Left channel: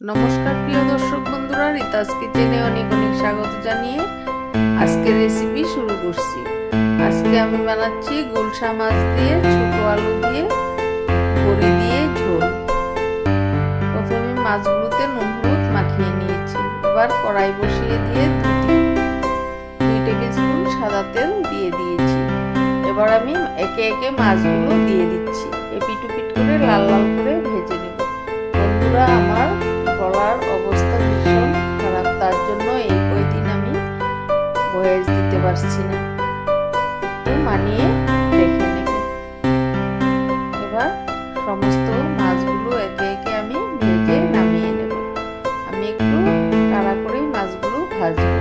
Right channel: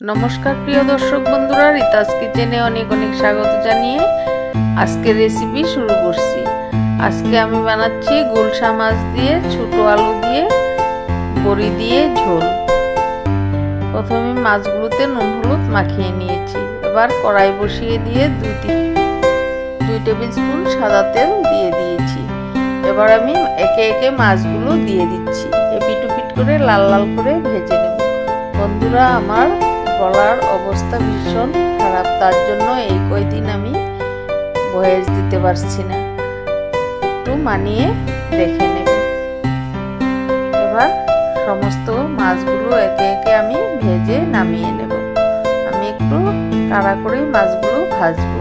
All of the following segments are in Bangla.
নমস্কার প্রিয় দর্শক বন্ধুরা, রিতাস কিচেনে অনেক অনেক স্বাগত জানিয়ে আজকের রেসিপি শুরু করছি। আজকে আমি বানাচ্ছি গুলশা মাছ দিয়ে ছোট আলু দিয়ে বড়ি দিয়ে ঝোল। প্রথমে মাছগুলোতে নুন হলুদ মাখিয়ে নিয়েছি। এবার কড়াই বসিয়ে দিয়ে 2 টেবিল স্পুন সাদা তেল দিয়ে দিয়েছি। এবার আমি একে একে মাছগুলো দিয়ে দিচ্ছি। এপিট ওপিট করে লাল লাল করে ভেজে নেব। বন্ধুরা, আমার গলার অবস্থা ভীষণ খারাপ, তার জন্য এই কয়দিন আমি ভয়েস দিতে পারছি না, একটু মানিয়ে দেখে নেব। এবার সমস্ত মাছগুলো একে একে আমি ভেজে নামিয়ে নেব। আমি একটু কাড়া করেই মাছগুলো ভাজবো।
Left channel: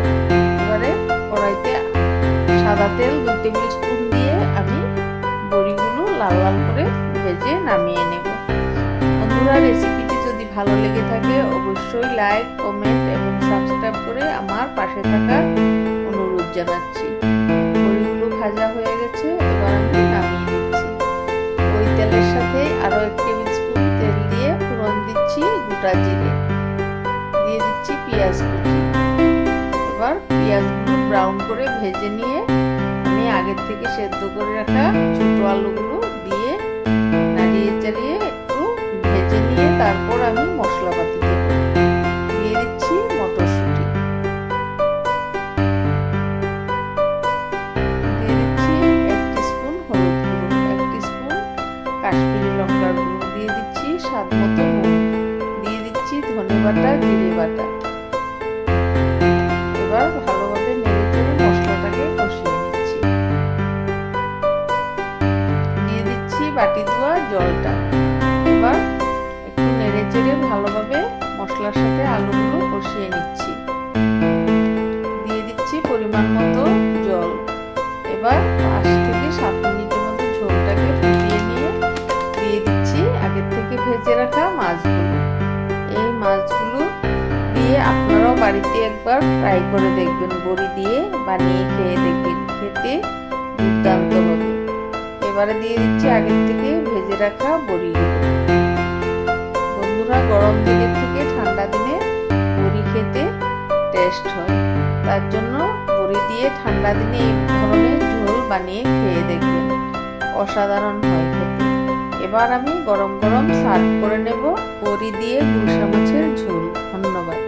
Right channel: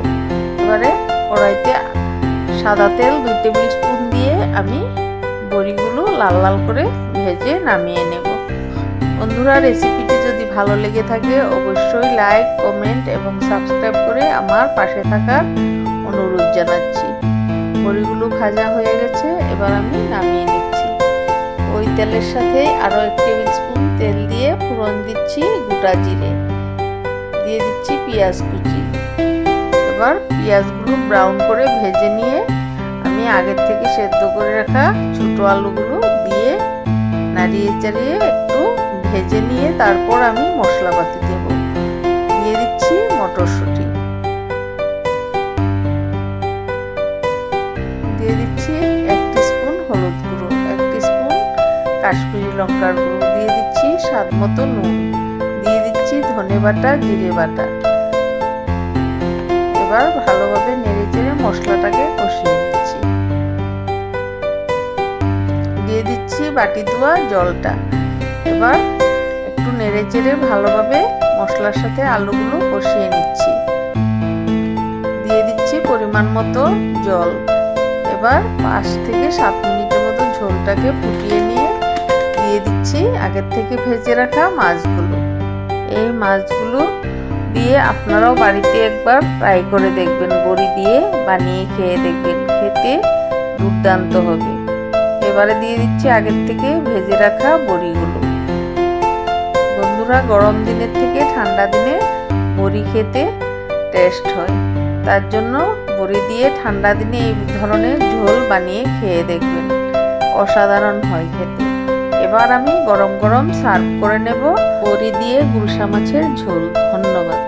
এবারে কড়াইতে সাদা তেল 2 টেবিল স্পুন দিয়ে আমি বড়িগুলো লাল লাল করে ভেজে নামিয়ে নেব। বন্ধুরা, রেসিপিটি যদি ভালো লেগে থাকে অবশ্যই লাইক, কমেন্ট এবং সাবস্ক্রাইব করে আমার পাশে থাকার অনুরোধ জানাচ্ছি। বড়িগুলো ভাজা হয়ে গেছে, এবার আমি নামিয়ে নিচ্ছি। ওই তেলের সাথে আরও 1 টেবিল স্পুন তেল দিয়ে ফোড়ন দিচ্ছি গোটা জিরে, দিয়ে দিচ্ছি পেঁয়াজ কুচি। এবার পেঁয়াজগুলো ব্রাউন করে ভেজে নিয়ে আমি আগের থেকে সেদ্ধ করে রাখা ছোট আলুগুলো দিয়ে নাড়িয়ে চাড়িয়ে একটু ভেজে নিয়ে তারপর আমি মশলাপাতি দেব। দিয়ে দিচ্ছি মটরশুঁটি, দিয়ে দিচ্ছি 1 টিস্পুন হলুদ গুঁড়ো, 1 টিস্পুন কাশ্মীরি লঙ্কার গুঁড়ো, দিয়ে দিচ্ছি স্বাদ মতো নুন, দিয়ে দিচ্ছি ধনে বাটা, জিরে বাটা। এবার ভালোভাবে নেড়ে চেড়ে মশলাটাকে কষিয়ে নিচ্ছি। দিয়ে দিচ্ছি বাটি ধোয়া জলটা। এবার একটু নেড়ে চেড়ে ভালোভাবে মশলার সাথে আলুগুলো কষিয়ে নিচ্ছি। দিয়ে দিচ্ছি পরিমাণ মতো জল। এবার 5 থেকে 7 মিনিটের মতো ঝোলটাকে ফুটিয়ে নিয়ে দিয়ে দিচ্ছি আগের থেকে ভেজে রাখা মাছগুলো। এই মাছগুলো দিয়ে আপনারাও বাড়িতে একবার ট্রাই করে দেখবেন, বড়ি দিয়ে বানিয়ে খেয়ে দেখবেন, খেতে দুর্দান্ত হবে। এবারে দিয়ে দিচ্ছি আগের থেকে ভেজে রাখা বড়িগুলো। বন্ধুরা, গরম দিনের থেকে ঠান্ডা দিনে বড়ি খেতে টেস্ট হয়, তার জন্য বড়ি দিয়ে ঠান্ডা দিনে এই ধরনের ঝোল বানিয়ে খেয়ে দেখবেন, অসাধারণ হয় খেতে। এবার আমি গরম গরম সার্ভ করে নেব বড়ি দিয়ে গুলশা মাছের ঝোল। ধন্যবাদ।